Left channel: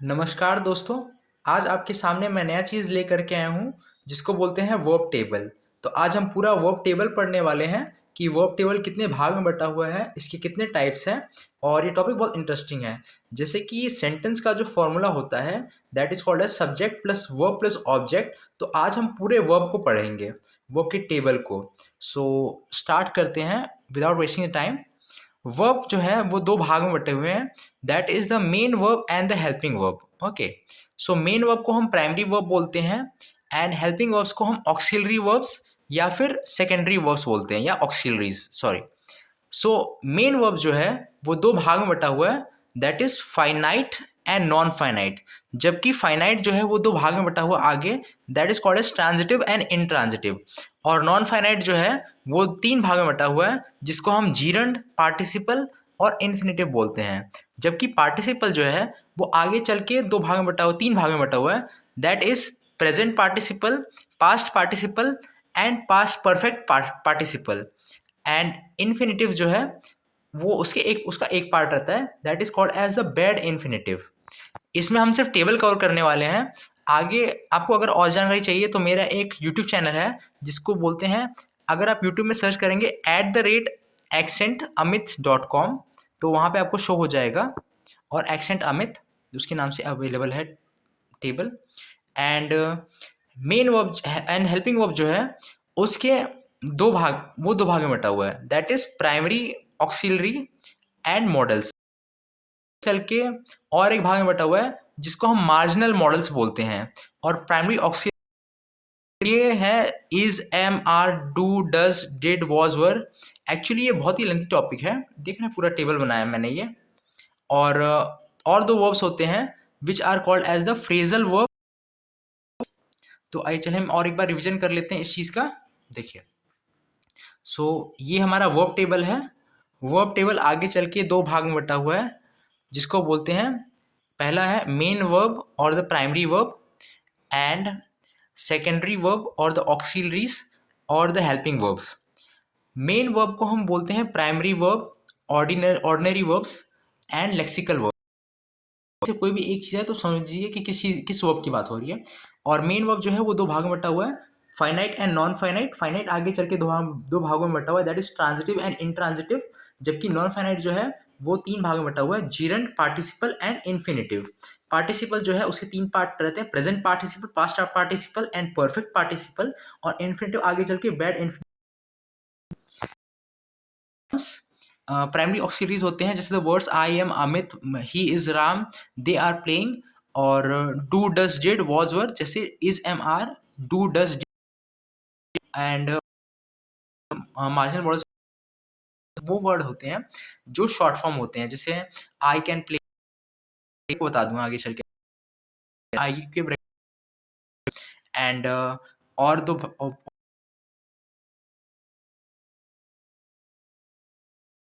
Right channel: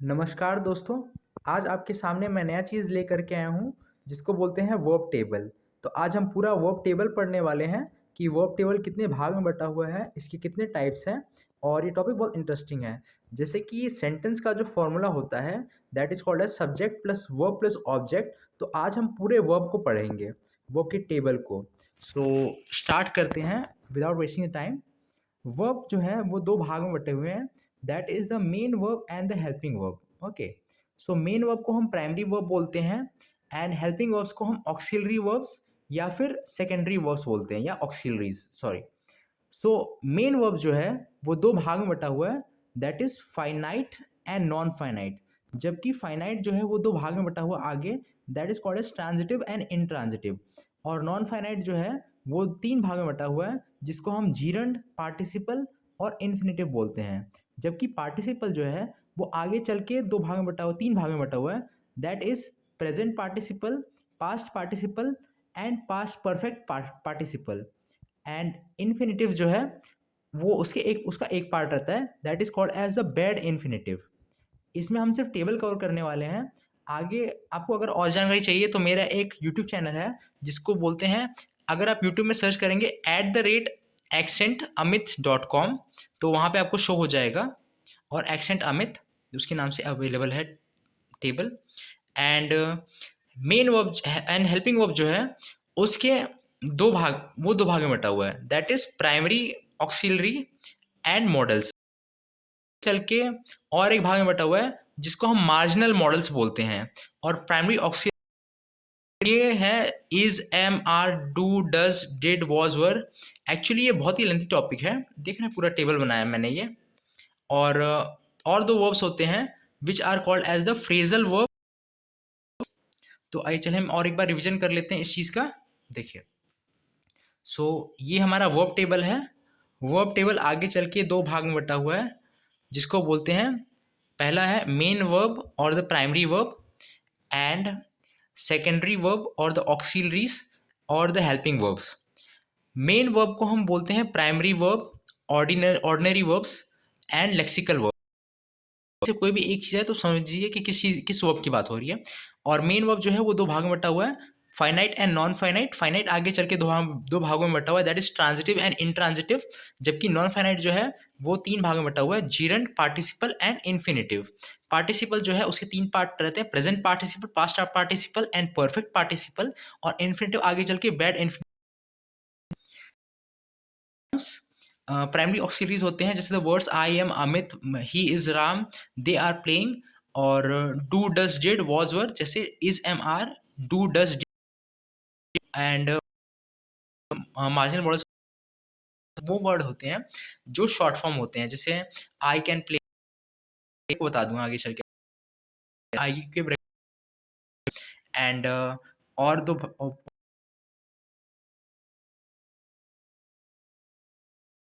नमस्कार दोस्तों, आज आपके सामने मैं नया चीज़ लेकर के आया हूँ जिसको बोलते हैं वर्ब टेबल। तो आज हम पूरा वर्ब टेबल पढ़ने वाले हैं कि वर्ब टेबल कितने भाग में बटा हुआ है, इसके कितने टाइप्स हैं और ये टॉपिक बहुत इंटरेस्टिंग है। जैसे कि सेंटेंस का जो फॉर्मूला होता है that is called as subject plus verb plus object. तो आज हम पूरे वर्ब को पढ़ेंगे, वर्ब के टेबल को। सो स्टार्ट करते हैं without wasting the time. Verb जो है वो दो भाग में बटे हुए हैं, that is the main verb and the helping verb. Okay, so main verb को हम प्राइमरी वर्ब बोलते हैं एंड हेल्पिंग वर्ब्स को हम ऑक्सिलरी वर्ब्स या फिर सेकेंडरी वर्ब्स बोलते हैं या auxiliaries, sorry. So main verb जो है वो दो भाग में बटा हुआ है, that is finite and non finite. जबकि फाइनाइट जो है वो दो भाग में बटा हुआ आगे, that is called as transitive and intransitive. और नॉन फाइनाइट जो है वो तीन भाग में बटा हुआ है, जिसको हम जीरंड, पार्टिसिपल और इन्फिनेटिव बोलते हैं। जबकि पार्टिसिपल जो है वो आगे चल के दो भाग में बटा हुआ, तीन भाग में बटा हुआ है, that is present participle, past participle and past perfect participle. And infinitive जो है वो उसका एक पार्ट रहता है, that is called as the bare infinitive. इसमें हम सिर्फ टेबल कवर करने वाले हैं। आगे आपको अगर और जानकारी चाहिए तो मेरा एक यूट्यूब चैनल है जिसको बोलते हैं, अगर आप यूट्यूब में सर्च करेंगे @accentAmit.com, तो वहाँ पे आपको शो हो जाएगा। और एक्सेंट अमित उसके नाम से अवेलेबल है table. And main verb and helping verb जो है उसके दो भाग में बटा हुआ है, that is primary, auxiliary and models. चल के और एक भाग में बटा हुआ है जिसको हम मार्जिनल मॉडल्स बोलते हैं। और प्राइमरी ऑक्सिलरी ये है is, am, are, do, does, did, was, were. Actually ये बहुत ही लेंथी टॉपिक है, देख रहे हैं पूरा टेबल बनाया मैंने ये। और दो वर्ब्स होते हैं which are called as the phrasal verb. तो आइए चलिए हम और एक बार रिवीजन कर लेते हैं इस चीज़ का। देखिए, सो ये हमारा वर्ब टेबल है। वर्ब टेबल आगे चल के दो भाग में बटा हुआ है, जिसको बोलते हैं, पहला है मेन वर्ब और the primary verb and secondary verb और द ऑक्सिलरीज और the helping verbs. Main verb को हम बोलते हैं primary verb, ordinary verbs and lexical verb. से कोई भी एक चीज़ है तो समझिए कि किस वर्ब की बात हो रही है। और मेन वर्ब जो है वो दो भाग में बटा हुआ है, finite and non finite. Finite आगे चल के दो भागों में बटा हुआ है, that is transitive and intransitive. जबकि नॉन फाइनाइट जो है वो तीन भागों में बटा हुआ है, gerund, participle and infinitive. Participle जो है उसके तीन पार्ट रहते हैं, present participle, past participle and perfect participle. और इन्फिनेटिव आगे चल के बैड इन्फिनेटिव। प्राइमरी ऑक्सिलरीज होते हैं जैसे the words I am Amit, he is Ram, they are playing. और do, does, did, was, were, जैसे is, am, are, do, does, and marginal words वो वर्ड होते हैं जो शॉर्ट फॉर्म होते हैं, जैसे आई कैन प्ले को बता दूंगा आगे चल के, आई के। एंड और दो